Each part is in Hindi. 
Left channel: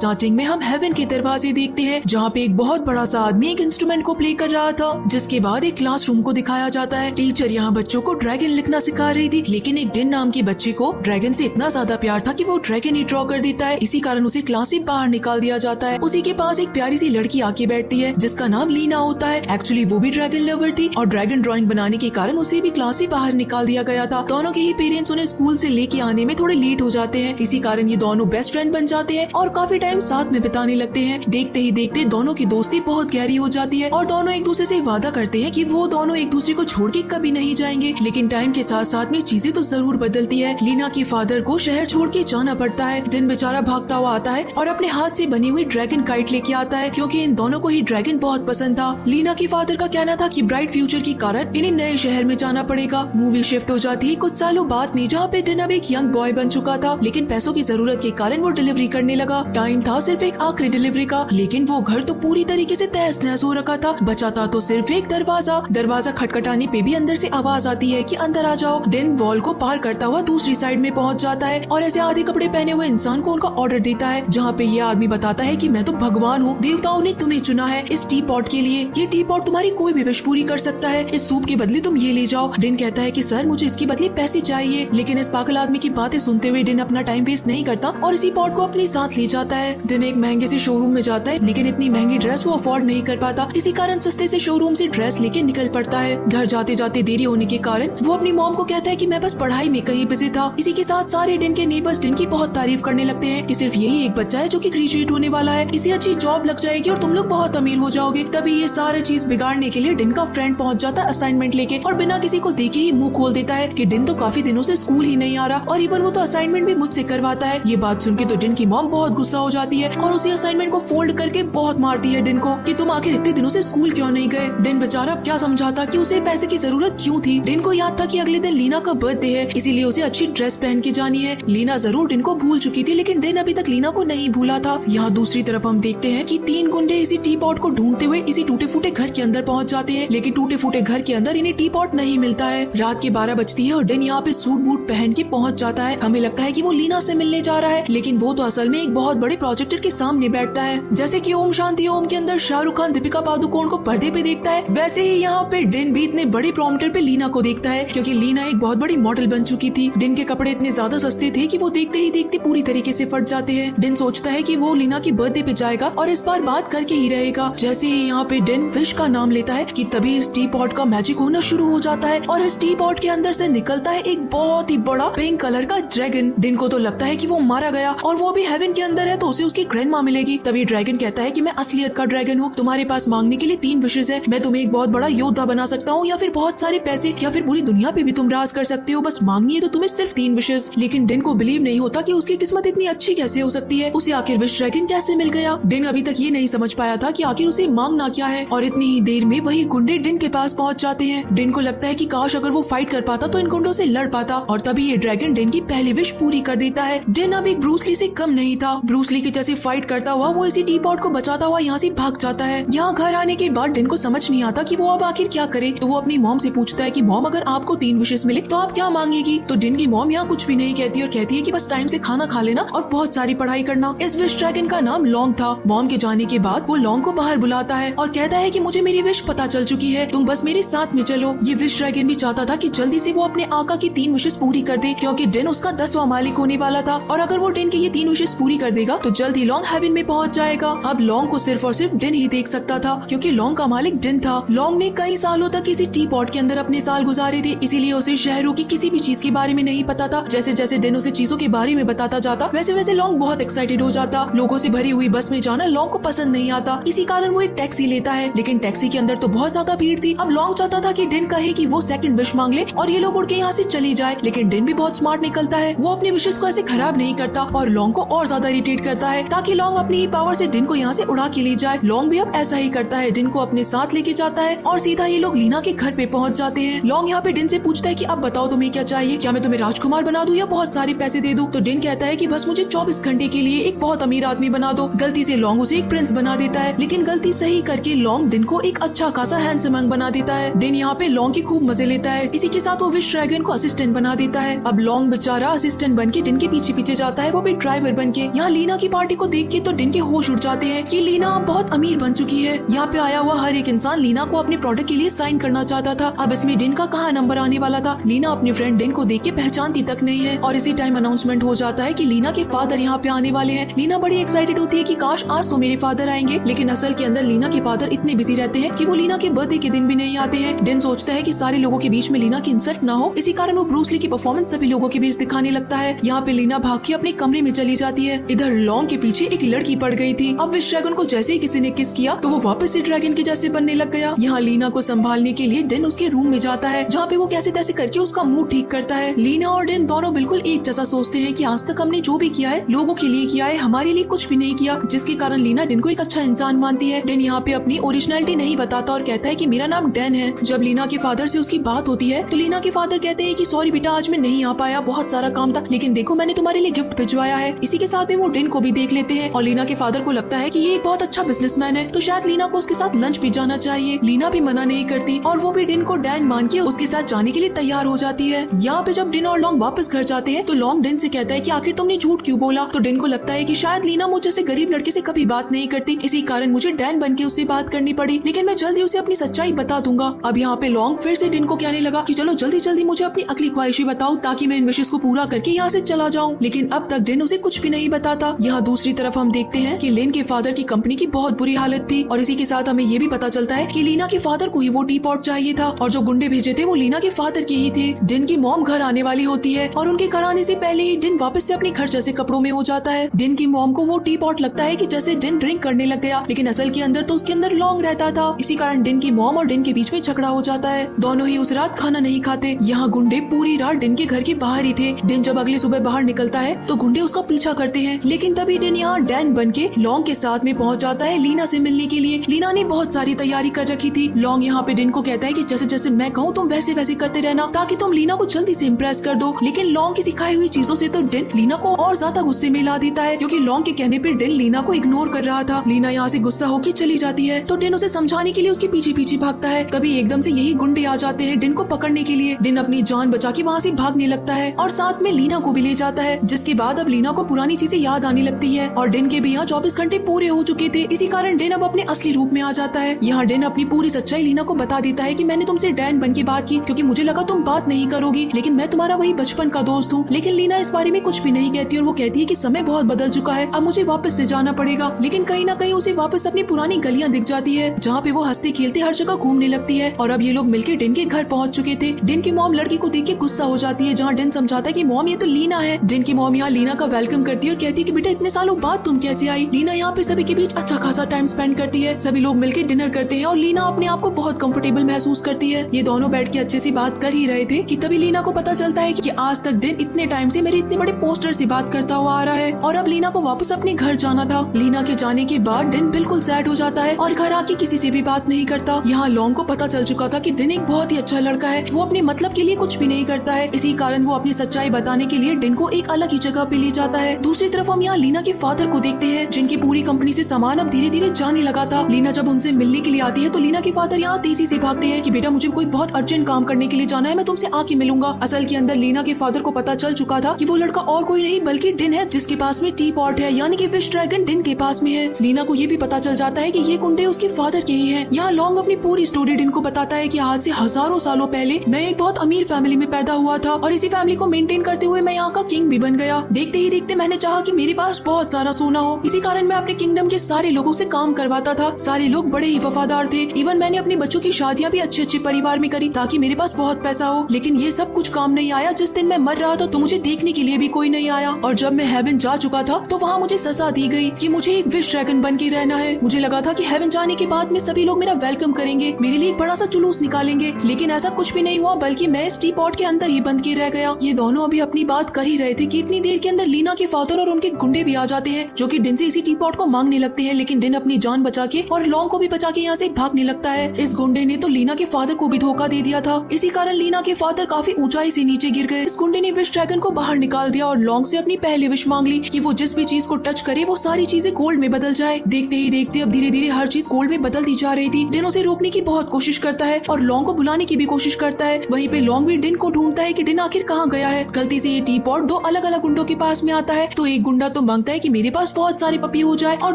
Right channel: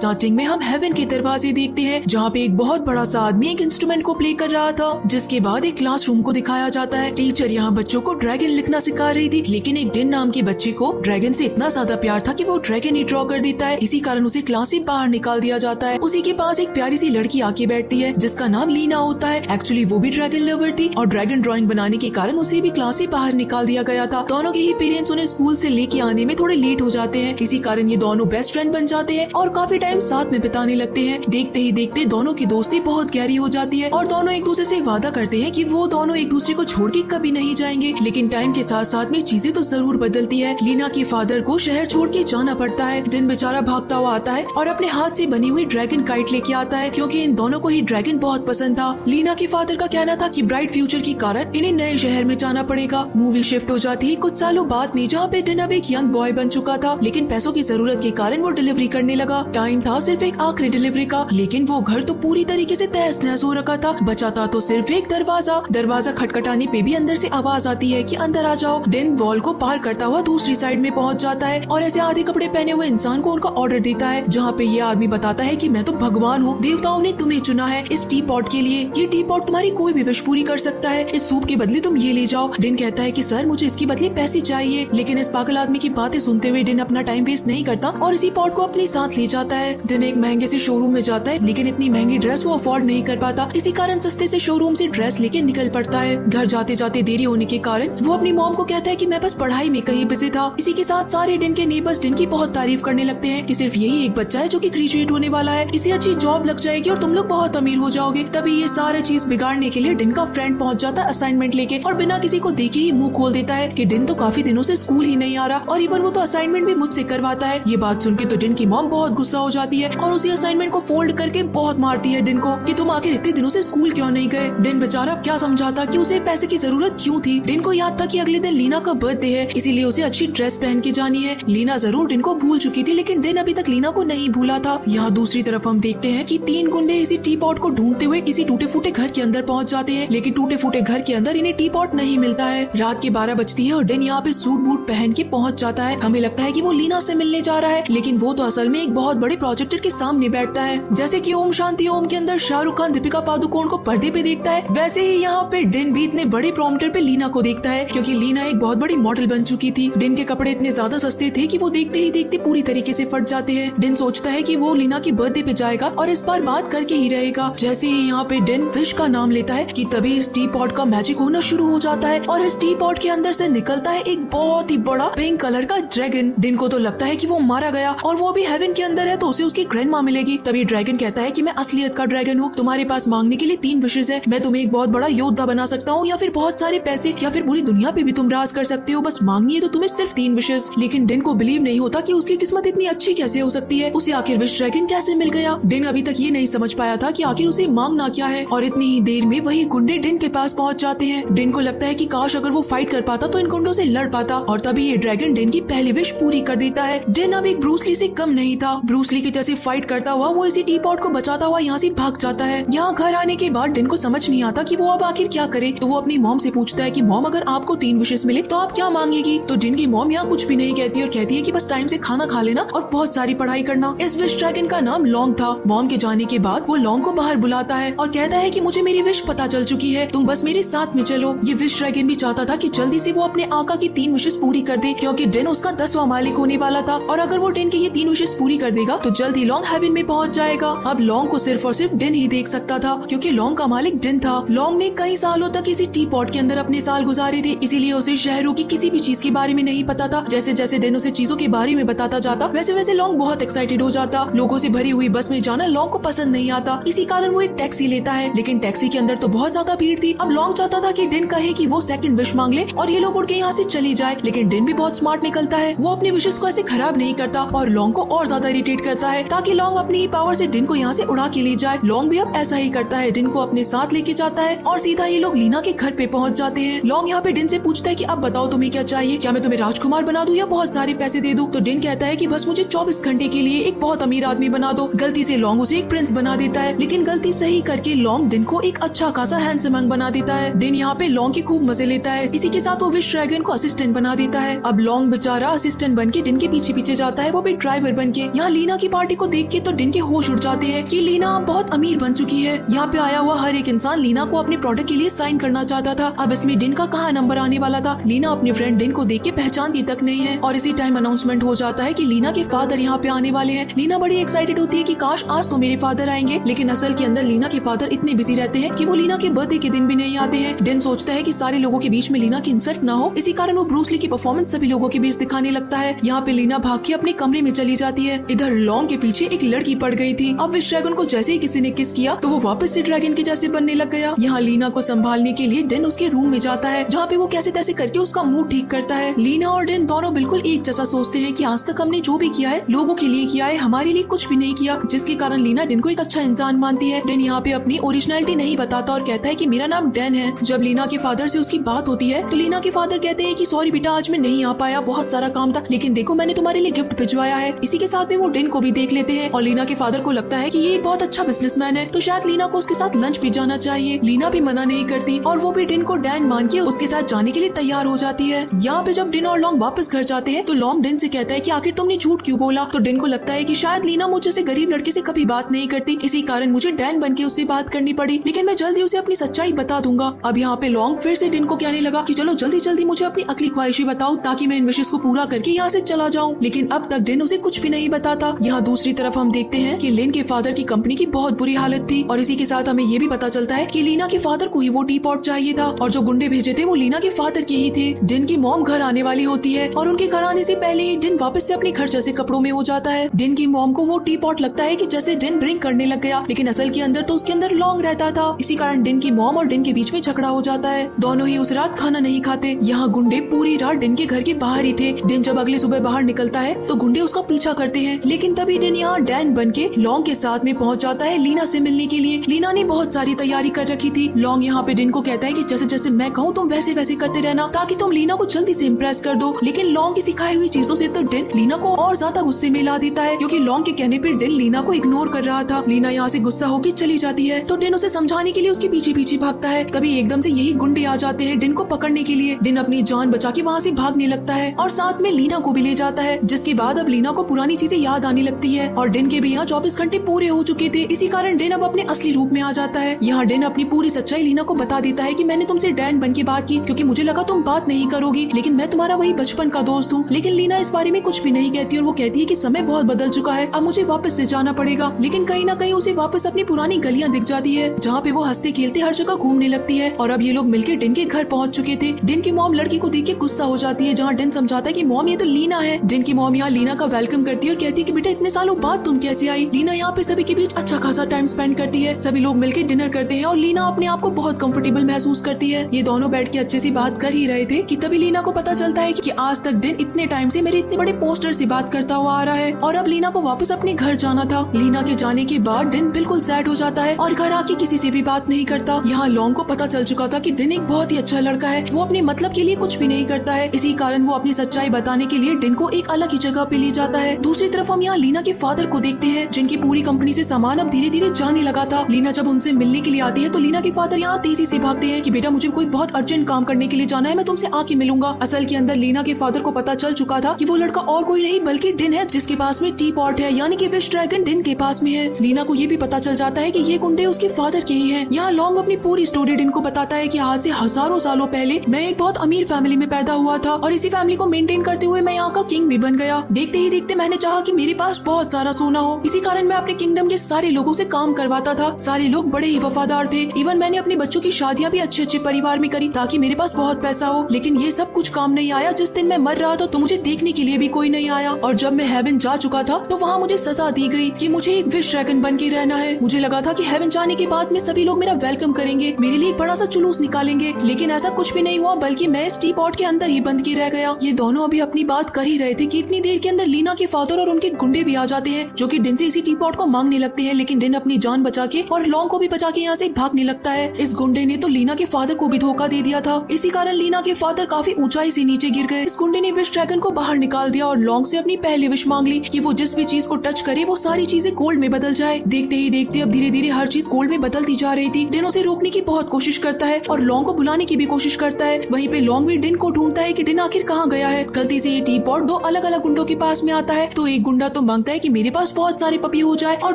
स्टार्टिंग में हम हेवन के दरवाजे देखते हैं जहाँ पे एक बहुत बड़ा सा आदमी एक इंस्ट्रूमेंट को प्ले कर रहा था, जिसके बाद एक क्लासरूम को दिखाया जाता है। टीचर यहाँ बच्चों को ड्रैगन लिखना सिखा रही थी, लेकिन एक डिन नाम के बच्चे को ड्रैगन से इतना ज्यादा प्यार था कि वो ड्रैगन ही ड्रॉ कर देता है। इसी कारण उसे क्लास से बाहर निकाल दिया जाता है। उसी के पास एक प्यारी सी लड़की आके बैठती है जिसका नाम लीना होता है। एक्चुअली वो भी ड्रैगन लवर थी और ड्रैगन ड्राइंग बनाने के कारण उसे भी क्लास से बाहर निकाल दिया गया था। दोनों के ही पेरेंट्स उन्हें स्कूल से लेके आने में थोड़े लेट हो जाते हैं। इसी कारण ये दोनों बेस्ट फ्रेंड बन जाते हैं और काफी टाइम साथ में बिताने लगते हैं। देखते ही देखते दोनों की दोस्ती बहुत गहरी हो जाती है और दोनों एक दूसरे से वादा करते हैं कि वो दोनों एक दूसरे को छोड़ के कभी नहीं जाएंगे। लेकिन टाइम के साथ साथ में चीजें तो जरूर बदलती है। लीना के फादर को शहर छोड़ के जाना पड़ता है। दिन बेचारा भागता हुआ आता है और अपने हाथ से बनी हुई ड्रैगन काइट लेके आता है, क्योंकि इन दोनों को ही ड्रैगन बहुत पसंद था। लीना के फादर का कहना था कि ब्राइट फ्यूचर के कारण इन्हें नए शहर में जाना पड़ेगा। मूवी शिफ्ट हो जाती है कुछ सालों बाद में, जहाँ पे डिन अब एक यंग बॉय बन चुका था, लेकिन पैसों की जरूरत के कारण वो डिलीवरी करने लगा। टाइम था सिर्फ एक आखिरी डिलीवरी का, लेकिन वो घर तो पूरी तरीके से तहस नहस हो रखा था। बचा था तो सिर्फ एक दरवाजा खटखटाने पे भी अंदर से आवाज आती है कि अंदर आ जाओ। दिन वॉल को पार करता हुआ दूसरी साइड में पहुंच जाता है और ऐसे आधे कपड़े पहने हुए इंसान को उनका ऑर्डर देता है, जहाँ पे ये आदमी बताता है कि मैं तो भगवान हूँ, देवताओं ने तुम्हें चुना है इस टी पॉट के लिए। ये टी पॉट तुम्हारी कोई भी विश पूरी कर सकता है। इस सूप के बदले तुम ये ले जाओ। दिन कहता है कि सर मुझे इसके बदले पैसे चाहिए, लेकिन इस पागल आदमी की बातें सुनते हुए दिन अपना टाइम वेस्ट नहीं करता और इसी पॉट को अपने साथ ले जाता है। दिन एक महंगे से शोरूम में जाता है, लेकिन इतनी महंगी ड्रेस वो अफोर्ड नहीं कर पाता। इसी कारण सस्ते से शोरूम से ड्रेस लेके निकल पड़ता है। घर जाते जाते देरी होने के कारण वो अपनी मॉम को कहता है कि मैं बस पढ़ाई में कहीं बिजी था। इसी के साथ सारे दिन के नेबर्स दिन की बहुत तारीफ करने लगते हैं कि सिर्फ यही एक बच्चा है जो कि ग्रेजुएट होने वाला है, इसे अच्छी जॉब लग जाएगी और तुम लोग बहुत अमीर हो जाओगे। तभी ये सारी चीज बिगाड़ने के लिए दिन का फ्रेंड पहुंच जाता है असाइनमेंट लेके और बिना किसी को देखे ही मुंह खोल देता है कि दिन तो काफी दिनों से स्कूल ही नहीं आ रहा और इवन वो तो असाइनमेंट भी मुझसे करवाता है। ये बात सुन के तो दिन की मॉम बहुत गुस्सा हो जाती है और उसी असाइनमेंट को फोल्ड करके बहुत मारती है दिन को कि तुम आखिर इतने दिनों से स्कूल क्यों नहीं गए। दिन बेचारा क्या समझाता कि उसे पैसे की जरूरत क्यों थी। दिन को याद था कि अगले दिन लीना का बर्थडे है, इसीलिए उसे अच्छी ड्रेस पहन के जानी है। लीना जरूर दिन को भूल चुकी थी, लेकिन दिन अभी तक लीना को नहीं भूला था। यहाँ दूसरी तरफ हम देखते हैं कि 3 गुंडे इसी टी पॉट को ढूंढते हुए इसी टूटे फूटे घर के अंदर पहुँच जाते हैं, लेकिन टूटे फूटे घर के अंदर इन्हें टी पॉट नहीं मिलता है। रात के 12 बजती है और दिन यहाँ पे सूट बूट पहन के पहुँच जाता है। हमें लगता है कि वो लीना से मिलने जा रहा है, लेकिन वो तो असल में एक बहुत बड़े प्रोजेक्टर के सामने बैठता है। जैसे कि ओम शांति ओम के अंदर शाहरुख खान दीपिका पादुकोण को पर्दे पे देखता है, वैसे ही यहाँ पे दिन भी इतने बड़े प्रॉम्प्टर पे लीना को देखता है, क्योंकि लीना एक बहुत बड़ी मॉडल बन चुकी थी। दिन के कपड़े इतने ज्यादा सस्ते थे कि वो देखते ही देखते पूरी तरीके से फट जाते हैं। दिन सोचता है कि वो लीना की बर्थडे पे जाएगा और इस बार बात करके ही रहेगा। जैसे ही यहाँ पे दिन विश का नाम लेता है कि तभी इस टी पॉट का मैजिक होना शुरू हो जाता है और इस टी पॉट के अंदर से निकलता है एक बहुत ही बड़ा पिंक कलर का ड्रैगन। दिन को तो लगता है कि वो मारा गया और वो भी हेवन के अंदर है तो उसे उसकी ग्रैंडमा मिलेगी। तभी ड्रैगन कहता है कि मैं असलियत का ड्रैगन हूँ, तुम्हारे पास मांगने के लिए 3 विशेष है। मैं तुम्हें एक बहुत बड़ा योद्धा बना सकता हूँ या फिर बहुत सारे पैसे या फिर पूरी दुनिया पे भी तुम राज कर सकते हो, बस मांगनी है तो तुम्हें सिर्फ 3 विशेष। लेकिन दिन को बिलीव नहीं होता कि उसकी किस्मत इतनी अच्छी कैसे हो सकती है, उसे आखिर विश ड्रैगन कैसे मिल गया। दिन अभी तक ये नहीं समझ पाया था कि आखिर उसे मांगना क्या है और इतनी ही देर में वही गुंडे दिन के पास पहुँच जाते हैं। दिन को लगता है कि काश अगर वो फाइट कर पाता तो इन गुंडों से लड़ पाता और तभी ये ड्रैगन दिन की पहली विश पूरी कर देता है। दिन अब एक ब्रूस ली से कम नहीं था। ब्रूस ली के जैसे फाइट करता हुआ वो इसी टी पॉट को बचाता हुआ यहाँ से भाग जाता है। यहाँ घर आने के बाद दिन को समझ नहीं आता कि वो अब आखिर क्या करे, तो वो अपनी मॉम से पूछता है कि मॉम अगर आपको 3 विशेष मिले तो आप क्या मांगेगी। तो दिन की मॉम यहाँ कुछ भी नहीं कहती और कहती है कि बस टाइम से खाना खा लेना और बहुत सारी पढ़ाई करना। इस विश ड्रैगन का नाम लॉन्ग था। मॉम के जाने के बाद वो लॉन्ग को बाहर बुलाता है और कहता है कि मुझे मेरी विश पता चल चुकी है, तुम बस मेरे साथ में चलो। ये विश ड्रैगन भी चाहता था कि जल्दी से वो अपने आका की 3 विशेष पूरी कर दे, क्योंकि दिन उसका 10वां मालिक होने वाला था और अगर वो दिन की ये 3 विशेष पूरी कर देगा तो जल्दी लॉन्ग हेवन में पहुंच जाएगा। अब लॉन्ग को सिर्फ और सिर्फ दिन ही देख सकता था, क्योंकि लॉन्ग का मालिक दिन था। लॉन्ग ने कई सालों तक इसी टी पॉट के अंदर अपने साल गुजारे थे, इसीलिए उसे शहरों की किसी भी चीज के बारे में नहीं पता था। जैसे जैसे दिन उसे चीजों के बारे में बताता जाता वैसे वैसे लॉन्ग बहुत एक्साइटेड हो जाता। लोगों से भरी हुई बस में जाना लॉन्ग को पसंद नहीं आता, इसी कारण वो एक टैक्सी लेता है, लेकिन टैक्सी के अंदर तो बहुत ज्यादा भीड़ थी। अब लॉन्ग चाहता था कि दिन कहे कि वो सेकंड विश मांग ले और ये लोग उड़ के यहाँ से चले जाए, लेकिन दिन भी बहुत स्मार्ट निकलता है। वो अपने विशेष को ऐसे खराब नहीं करता और लॉन्ग को और ज्यादा इरिटेट करता है ताकि लॉन्ग अपनी ही पावर से दिन को यहाँ से उड़ा के ले जाए। लॉन्ग भी अब ऐसा ही करता है, दिन को अपने साथ लेके जाता है और सीधा ये लोग लीना के घर पे पहुँच जाते हैं। लॉन्ग यहाँ पे दिन से पूछता है कि अब बताओ तुम्हें क्या चाहिए, क्या मैं तुम्हें राजकुमार बना दूं या बहुत सारे पैसे दे दूं। तो दिन कहता है कि बस मुझे 24 घंटे के लिए एक बहुत अमीर आदमी बना दो। गलती से लॉन्ग उसे एक प्रिंस बना देता है, लेकिन गलती सही करके लॉन्ग दिन को एक अच्छा खासा हैंडसम यंग बना देता है। दिन यहाँ पे लॉन्ग की खूब मजे लेता है, इसी के साथ वो विश ड्रैगन को असिस्टेंट बना देता है। अब लॉन्ग बेचारा असिस्टेंट बन के दिन के पीछे पीछे जाता है, वो भी ड्राइवर बन के। यहाँ लीना की पार्टी को देख के तो डिन के होश उड़ जाते हैं कि लीना बहुत अमीर बन चुकी है। यहाँ पे आया हुआ हर एक इंसान लीना को अपने प्रोडक्ट के लिए साइन करना चाहता था। अब इसमें डिन का कहाँ नंबर आने वाला था। लीना अपने फ्रेंड डिन को देख के पहचानती तक नहीं है और इसी टाइम अनाउंसमेंट हो जाता है कि लीना के फादर यहाँ पे आने वाले हैं। लीना बड़ी एक्साइटेड होती है कि काश आज तो मेरे फादर आएंगे, लेकिन असल के अंदर लीना के फादर इतने बिजी रहते हैं कि वो लीना के बर्थडे के दिन भी नहीं आते हैं। डिन सोचता है कि सारे लोगों के बीच में लीना की इंसल्ट ना हो, इसी कारण वो ब्रूस ली की परफॉर्मेंस सभी लोगों के बीच दिखाने लगता है। यहाँ पे लीना भाग के अपने कमरे में चली जाती है। इधर लॉन्ग के पीछे एक लड़की पड़ गई थी। अब विश ड्रैगन को जैसे ही किसी ने किस किया तो वो वापस से ड्रैगन के जैसे बनने लग गया। यहाँ लीना को संभालने के लिए डिन उसके रूम में जाता है, जहाँ पे वो कैसे तैसे करके उसका मूड ठीक करता है। लीना और डिन दोनों बिल्कुल एक जैसा सोचते हैं कि आज तक हमने जो भी किया है लोगों के लिए किया है, हमारे लिए कुछ भी नहीं किया, जिसके कारण लीना डिन को एक अच्छा इंसान मानती है। डिन यहाँ पे अपनी ओरिजिनलिटी नहीं बताता और कहता है कि मेरा नाम डैन है। जब लीना के फादर से उसकी बात होती है तो लीना के फादर कहते हैं कि सॉरी बेटा, आज मैं नहीं आ पाया, बहुत सारा काम था, लेकिन देखो मैंने तुम्हारे लिए गिफ्ट भिजवाया है। इसी के साथ में वो डिन को भी देख लेते हैं और लीना के फादर को लगता है कि ये बहुत अच्छा बिजनेसमैन है, तो शायद लीना को उसके साथ लंच भी जाना चाहिए। लीना भी मना नहीं करती और वो भी डिन को डैन मान के उसके साथ जाने के लिए तैयार हो जाती है। यहाँ पे जब डिन और लॉन्ग वापस घर जाते हैं तो लॉन्ग डिन से कहता है कि आखिर तुमने झूठ क्यों बोला। तो डिन को लगता है कि शायद लीना मुझ जैसे गरीब लड़के से कभी बात नहीं करती, इसी कारण मुझे डैन बन के उससे बात करनी पड़ी, लेकिन मैं जल्दी उसे अपनी सच्चाई बता दूंगा। अब यहाँ पे लॉन्ग फिर से डिन को कहने लगा कि चलो जल्दी जल्दी मुझे अपनी अगली ख्वाहिशें बताओ ताकि मैं इन विशेष को पूरा करके यहाँ से चला जाऊँ, लेकिन अब तक डिन उसे कुछ भी नहीं बताता। यहाँ दूसरी तरफ हम देखते हैं कि लिन के फादर की कंपनी की बहुत बुरी हालत थी और इसी के साथ हमें ये भी पता चलता है कि लीना के फादर को ही वो टी पॉट चाहिए था और जो गुंडे भेजे थे वो लीना के फादर के ही थे। डिन की मॉम घर आने वाली होती है और उनके घर आने से पहले ही डिन वापस से अपने घर जैसे कपड़ों में हो जाता है। डिन की मॉम को वो टी पॉट लगता है कि जैसे डिन ड्रिंक करने लग गया, लेकिन असल के अंदर तो उसके अंदर लॉन्ग रहता था। इसी कारण डिन की मॉम और डिन के बीच में झगड़ा हो जाता है। दोनों ही उस रात खाना नहीं खाते। यहाँ गुंडे पूरी रात डिन के घर के बाहर ही थे। डिन जब अगले सुबह बाहर निकलता है तो गुंडे उसका पीछा करते हैं, लेकिन तभी डिन यहाँ डैन बन के लॉन्ग के साथ में पहुँच जाता है लीना से मिलने के लिए। लीना ने बहुत सारी तैयारी कर रखी थी। लॉन्ग यहाँ पे डिन को कहता है कि जैसे जैसे मैं कहूँ तुम वैसे वैसे करते रहना ताकि तुम लीना को जल्दी से इम्प्रेस कर दो, लेकिन लॉन्ग की सिखाई हुई चीजों से तो डिन लीना को और ज्यादा गुस्से में ला देता है, क्योंकि लॉन्ग के कहने पर डिन लीना को इग्नोर कर रहा था। लीना यहाँ से गुस्सा होकर चली जाती है तो डिन उसे समझाने के लिए उसके पीछे पीछे भागता है। तभी एकदम से यही गुंडे आ जाते हैं डिन को पकड़ने के लिए। डिन अपनी जान बचा के वहाँ से भागने लगता है और साथ में लीना को भी ले जाता है, जिसके बाद अब लीना को पुरानी चीजें याद आने लगती है और डिन के भी यहाँ 24 घंटे पूरे हो चुके थे। इसी कारण डिन अब अपने असली रूप में आ जाता है। यहाँ डिन अपनी पूरी सच्चाई लीना को बता देता है कि मैंने तुमसे डैन बन के बात की क्योंकि मुझे लगा तुम बात नहीं करोगी, लेकिन मैं तुम्हारा वही बचपन का दोस्त हूँ। लेकिन लीना इस बारे में कुछ भी नहीं कहती और वो कहती है कि समय बहुत बदल चुका है, अब मुझे वापस से जाना पड़ेगा। लेकिन कहीं ना कहीं उसे वापस अपनी पुरानी गलियाँ दिख जाती है जहाँ पे वो हंसते खेलते हर जगह घूमने लगती है। और अब ये लोग मिलकर डिन के घर पहुँच चुके थे। डिन की मॉम लड़की को देख के गुस्सा हो जाती है, जहाँ डिन समझाता है कि मॉम ये तो लीना है। डिन की मॉम यहाँ लीना का वेलकम करती है और कहती है कि बेटा इतने सालों बाद तुम कैसे आई। लीना यहाँ पे सभी के बीच अच्छा खासा टाइम स्पेंड करती है। सभी लोग मिलकर डिनर करते हैं और लीना अपने आप को बहुत कंफर्टेबल महसूस करती है। ये दोनों बैठ के अच्छे से बात कर ही रहे थे कि तभी लीना को पता चलता है कि आज तक डिन इतने टाइम से मेरे इतने बड़े पोस्टर से बात करता हुआ आ रहा है और अब लीना को वापस अपने घर जाना था। लीना के जाने के बाद डिन बिल्कुल सैड हो जाता है और घर आके किसी से भी बात नहीं करता। यहाँ लॉन्ग को पता चल चुका था कि डिन एक बहुत ही अच्छा लड़का है, वो अपने मतलब के लिए कुछ भी नहीं करता है। इसी कारण वो अपनी सच्चाई बताने के लिए डिन को एक अलग ही जगह पे ले जाता है। दूसरी तरफ हम यहाँ लीना के फादर को देखते हैं, जिनकी पूरी कंपनी से सामान अब धीरे धीरे जाने लगा था। लीना जब उनसे मिलने के लिए आती है तो लीना के फादर यहाँ तेजी से भागते हैं कि बेटा मुझे कोई बहुत अर्जेंट काम करने के लिए जाना है, मैं तुमसे आके मिलूंगा। असल के अंदर लीना के फादर को पता चल चुका था कि वो लड़का और कोई नहीं बल्कि डिन है, जिसके पास में टी पॉट है, यानी कि विश ड्रैगन डिन के पास में है। लीना को ये भी पता चल जाता है कि ये गुंडे उसके फादर के ही हैं। यहाँ लॉन्ग अपनी पूरी स्टोरी डिन को बताता है कि आज से हजारों सालों पहले मैं एक बहुत अमीर फैमिली में पैदा हुआ था और इसी फैमिली को मेंटेन करते हुए मैं यहाँ का किंग भी बन गया। देखते ही देखते मैंने चाहा कि मेरे पास बहुत सारा सोना हो, इसी कारण मैं अपने किंगडम के सारे लोगों से काम करवाता था। सारे लोग बड़े ही वफादार थे। इवन मैंने अपने बच्चों की शादियाँ भी अच्छे अच्छे परिवार में करी ताकि मेरे पास बहुत पैसा हो, लेकिन ये सब कुछ काम नहीं आया। जिस दिन मैं मर रहा था तो मुझे देखने के लिए भी कोई नहीं आया और जब मैं हेवन जा चुका था तो वहाँ मुझे सजा दी गई कि मुझे एक विश ड्रैगन बन के रहना है। मुझे लगा था कि हेवन जाने के बाद में सभी लोग मेरा वेलकम करेंगे, मेरे लिए एक बड़ा सा जुलूस निकालेंगे, लेकिन ऐसा कुछ भी नहीं हुआ, बल्कि मैं इस टी पॉट के अंदर ही बंद के रह गया। ये दोनों अभी अपनी बात कर ही रहे थे कि इतनी देर के अंदर लीना के फादर और उनके गुंडे भी आ जाते हैं, जो कि डिन से इसी टी पॉट को मांगने लगते हैं। लेकिन डिन अपनी जान बचा के और लॉन्ग को भी बचा के यहाँ से भागने लगता है। इस गुंडे ने तो लीना के फादर को भी धोखा दे दिया था, इसी कारण लीना के फादर काफी ऊंचाई से नीचे गिर गए। इस गुंडे ने विश ड्रैगन को बाहर निकाल दिया और लॉन्ग से अपनी पहली विश मांग ली कि वो जिस भी चीज को टच करे वो सारी चीजें गोल्ड में बदल जाए। देखते ही देखते अब धीरे धीरे हर चीज गोल्ड में बदलती जा रही थी। डिन उसे रोकने की बहुत कोशिश करता है और लॉन्ग को बुलाने की भी कोशिश करता है। वहीं पे लॉन्ग भी डिन को ढूंढता है कि डिन आखिर कहाँ गया है। गलती से ये टी पॉट दो अलग अलग गुंडों के पास में आता है तो एक गुंडा तो मांगता है कि मेरे पास बहुत सारे पपी हो जाए, और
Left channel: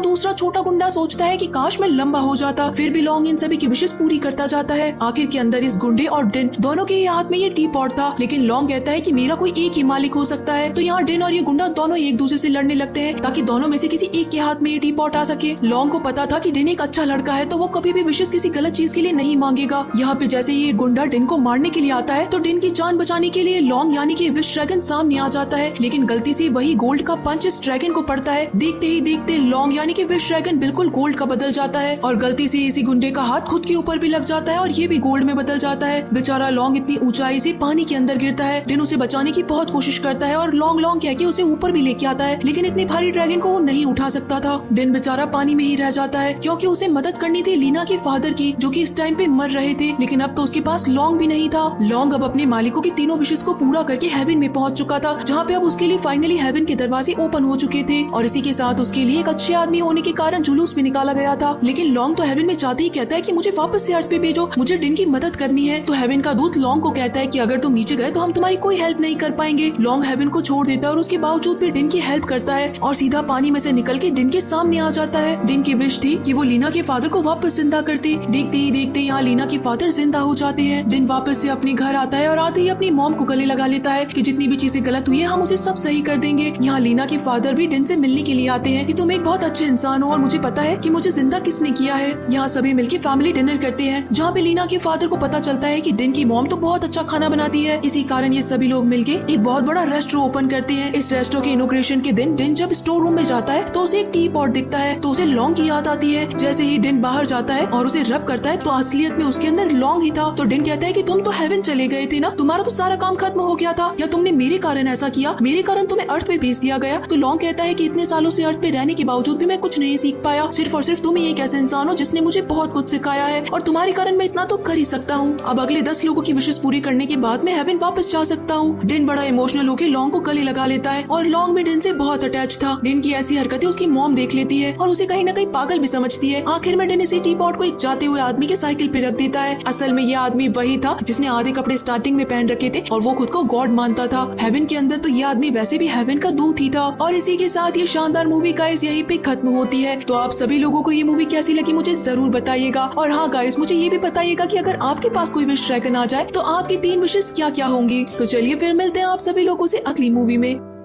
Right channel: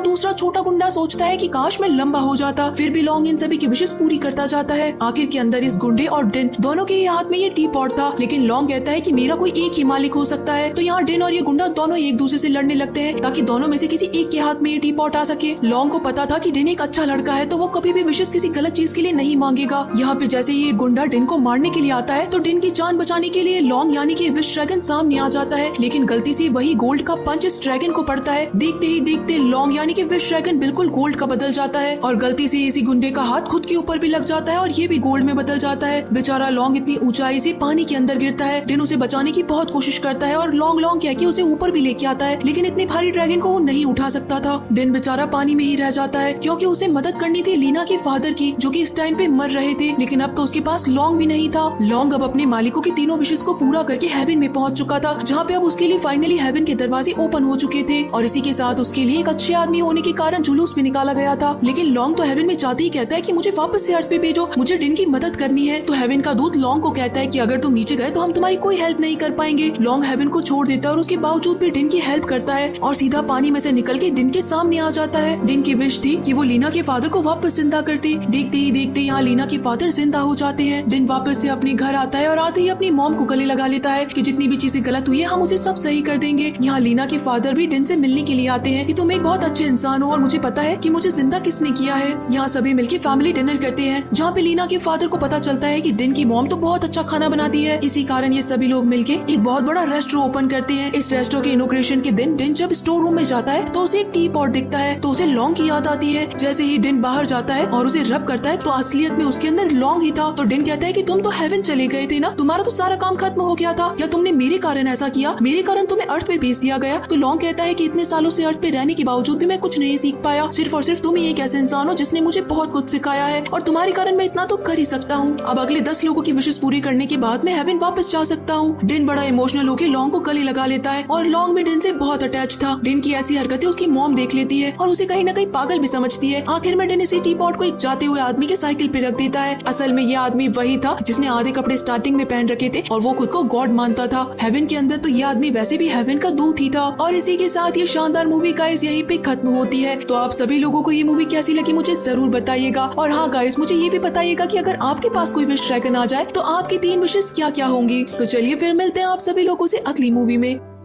दूसरा छोटा गुंडा सोचता है कि काश मैं लंबा हो जाता। फिर भी लॉन्ग इन सभी की विशेष पूरी करता जाता है। आखिर के अंदर इस गुंडे और डिन दोनों के हाथ में ये टी पॉट था, लेकिन लॉन्ग कहता है कि मेरा कोई एक ही मालिक हो सकता है। तो यहाँ डिन और ये गुंडा दोनों एक दूसरे से लड़ने लगते हैं ताकि दोनों में से किसी एक के हाथ में ये टी पॉट आ सके। लॉन्ग को पता था कि डिन एक अच्छा लड़का है, तो वो कभी भी विशेष किसी गलत चीज के लिए नहीं मांगेगा। यहाँ पे जैसे ये गुंडा डिन को मारने के लिए आता है तो डिन की जान बचाने के लिए लॉन्ग यानी कि विश ड्रैगन सामने आ जाता है, लेकिन गलती से वही गोल्ड का पंच इस ड्रैगन को पड़ता है। देखते ही देखते लॉन्ग यानी कि विश ड्रैगन बिल्कुल गोल्ड का बदल जाता है और गलती से इसी गुंडे का हाथ खुद के ऊपर भी लग जाता है और ये भी गोल्ड में बदल जाता है। बेचारा लॉन्ग इतनी ऊंचाई से पानी के अंदर गिरता है। डिन उसे बचाने की बहुत कोशिश करता है और लॉन्ग लॉन्ग कह के उसे ऊपर भी लेके आता है, लेकिन इतने भारी ड्रैगन को वो नहीं उठा सकता था। डिन बेचारा पानी में ही रह जाता है क्योंकि उसे मदद करनी थी लीना के फादर की, जो कि इस टाइम पे मर रहे थे, लेकिन अब तो उसके पास लॉन्ग भी नहीं था। लॉन्ग अब अपने मालिकों की तीनों विशेष को पूरा करके हेवन में पहुंच चुका था, जहाँ पे अब उसके लिए फाइनली हेवन के दरवाजे ओपन हो चुके थे और इसी के साथ उसके लिए एक अच्छे आदमी होने के कारण जुलूस भी निकाला गया था। लेकिन लॉन्ग तो हेवन में जाते ही कहता है कि मुझे वापस से अर्थ पे भेजो, मुझे डिन की मदद करनी है। तो हेवन का दूत लॉन्ग को कहता है कि अगर तुम नीचे गए तो हम तुम्हारी कोई हेल्प नहीं कर पाएंगे। लॉन्ग हेवन को छोड़ देता है और उसके बावजूद भी डिन की हेल्प करता है और सीधा पानी में से निकल के डिन के सामने आ जाता है। डिन की विश थी कि वो लीना के फादर को वापस जिंदा करते। देखते ही देखते यहाँ लीना के फादर जिंदा हो जाते हैं। डिन वापस से अपने घर आता है और आते ही अपनी मॉम को गले लगा लेता है कि जितनी भी चीजें गलत हुई है हम उसे सब सही कर देंगे। यहाँ लीना के फादर भी डिन से मिलने के लिए आते हैं कि तुम एक बहुत अच्छे इंसान हो और मुझे पता है कि मुझे जिंदा किसने किया है। यहाँ सभी मिलके फैमिली डिनर करते हैं, जहाँ पे लीना के फादर को पता चलता है कि डिन की मॉम तो बहुत अच्छा खाना बनाती है। इसी कारण ये सभी लोग मिलके एक बहुत बड़ा रेस्टोरेंट ओपन करते हैं। इस रेस्टोरेंट के इनॉग्रेशन के दिन डिन जब स्टोर रूम में जाता है तो उसे एक टी पॉट दिखता है, तो उसे लॉन्ग की याद आती है। जैसे ही डिन बाहर जाता है और उसे रब करता है तो असलियत में उसके अंदर लॉन्ग ही था। तो डिन कहता है कि तुम तो हेवन चले गए थे ना, तुम्हारा तो सारा काम खत्म हो गया था, या तुमने मेरे कारण ऐसा किया, मेरे कारण तुम्हें अर्थ पे भेज दिया गया। तो लॉन्ग कहता है कि इतने सालों से अर्थ पे रहने के बावजूद भी मैं कुछ नहीं सीख पाया, सिर्फ और सिर्फ तुम ही एक ऐसे इंसान हो जिसने मुझे बहुत कुछ सिखाया है और तुम्हारे कारण मैं इतना तो कर ही सकता हूँ। अब अगले 10 लोगों की विशेष पूरी करने के बाद मैं हेवन वापस जा सकता हूँ। डिन बड़ा इमोशनल होकर लॉन्ग को गले लगा लेता है और लॉन्ग भी डिन से बहुत अटैच था। डिन की ऐसी हरकतें उसकी मॉम देख लेती है और उसे कहीं न कहीं पागल भी समझती है। आखिर में डिन इसी टी पॉट को एक जाते हुए आदमी के साइकिल पे रख देता है। असल में ये आदमी वही था जिसने आधे कपड़े स्टार्टिंग में पहन रखे थे और वो खुद को गॉड मानता था। हेवन के अंदर तो ये आदमी वैसे भी हेवन का दूत ही था। और इसी के साथ ये शानदार मूवी गाइस यहीं पे खत्म होती है। तो आप सभी लोगों को ये मूवी कैसी लगी मुझे जरूर बताइएगा। और हाँ गाइस, मुझे ये भी बताइएगा कि अगर आपके पास कोई विश ड्रैगन आ जाए तो आपकी 3 विशेस क्या क्या होंगी। तो चलिए फिर मिलते हैं आप सभी लोगों से अगली मूवी में।